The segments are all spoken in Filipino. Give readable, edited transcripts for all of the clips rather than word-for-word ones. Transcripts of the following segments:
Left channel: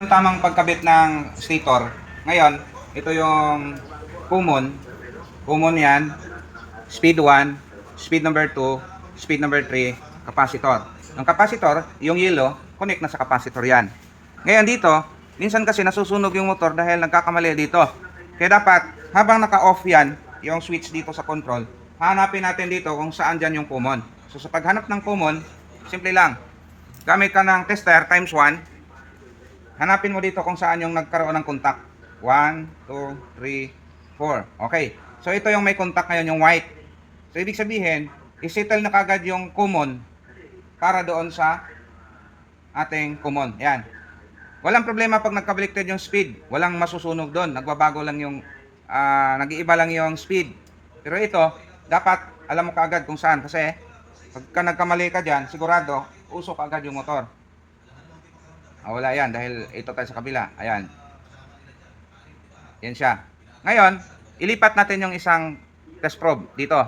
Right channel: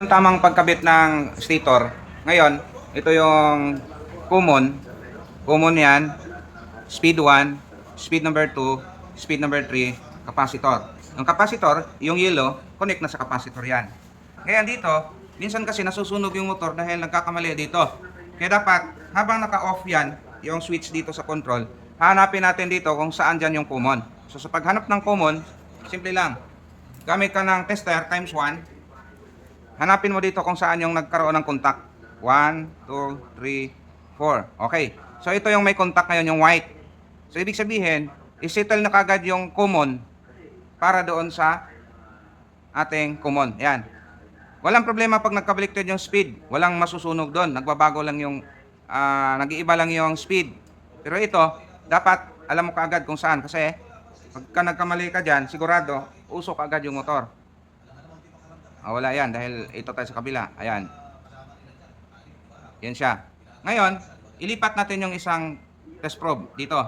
Tamang pagkabit ng stator. Ngayon, ito yung common. Common yan. Speed 1, speed number 2, speed number 3, capacitor. Ang capacitor, yung yellow, connect na sa capacitor yan. Ngayon dito, minsan kasi nasusunog yung motor dahil nagkakamali dito. Kaya dapat, habang naka-off yan, yung switch dito sa control, hanapin natin dito kung saan dyan yung common. So sa paghanap ng common, simple lang. Gamit ka ng tester times 1. Hanapin mo dito kung saan yung nagkaroon ng contact. 1, 2, 3, 4. Okay. So ito yung may contact ngayon, yung white. So ibig sabihin, isettle na kagad yung common para doon sa ating common. Yan. Walang problema pag nagka-baliktad yung speed. Walang masusunog doon. Nagbabago lang yung, nag-iiba lang yung speed. Pero ito, dapat alam mo kaagad kung saan. Kasi pagka nagkamali ka dyan, sigurado, usok agad yung motor. Wala yan dahil ito tayo sa kabila. Ayan. Yan siya. Ngayon, ilipat natin yung isang test probe dito.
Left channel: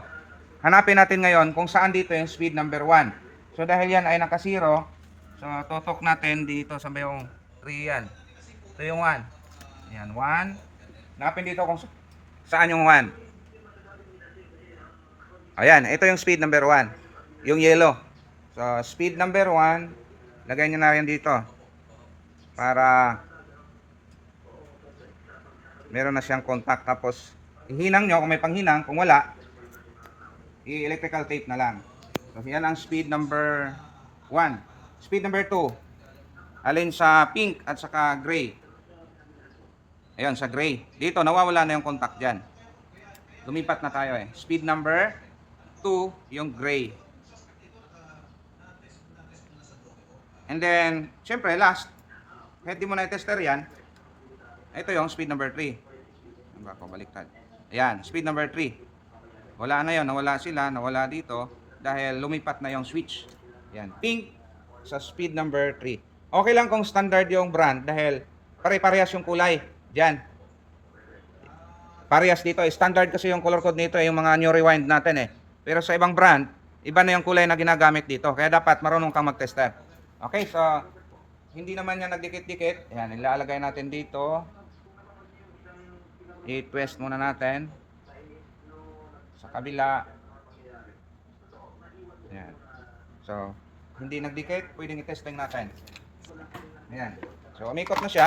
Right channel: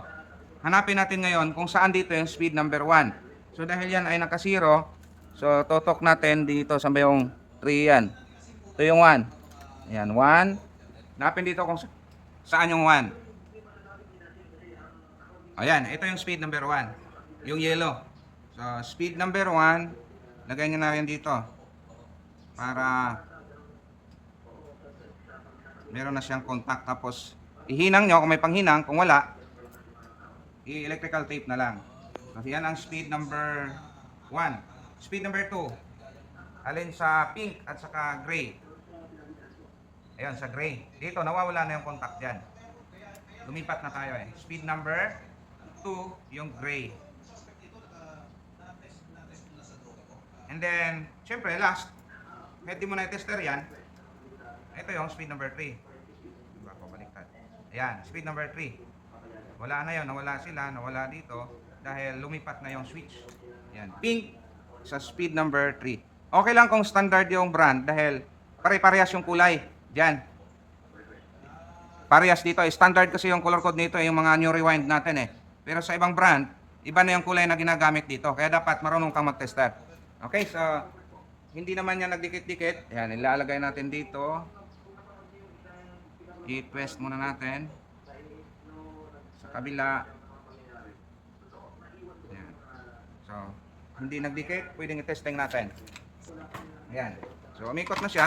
Hanapin natin ngayon kung saan dito yung speed number 1. So dahil yan ay naka-0, so totok natin dito sa yung 3 yan. Ito yung 1. Ayan, 1. Hanapin dito kung saan yung 1. Ayan, ito yung speed number 1. Yung yellow. So speed number 1, lagay nyo na yan dito. Para meron na siyang contact. Tapos ihinang nyo kung may panghinang. Kung wala, i-electrical tape na lang. So yan ang speed number 1. Speed number 2, alin sa pink at saka gray. Ayun, sa gray. Dito nawawala na yung contact dyan. Lumipat na tayo eh. Speed number 2, yung gray. And then syempre last, kahit di mo na i-tester yan, ito yung speed number 3. Baliktad. Ayan, speed number 3. Wala na yun, nawala sila, nawala dito dahil lumipat na yung switch. Ayan, pink sa speed number 3. Okay lang kung standard yung brand dahil pare-parehas yung kulay. Diyan. Parehas dito. Standard kasi yung color code nito, yung mga new rewind natin eh. Pero sa ibang brand, iba na yung kulay na ginagamit dito. Kaya dapat marunong kang mag-tester. Okay, so hindi naman yan nagdikit-dikit. Ayan, ilalagay natin dito. I-twist muna natin. Sa kabila. Ayan. So, hindi nagdikit, pwedeng i-testing natin. Ayan. So, umikot na siya.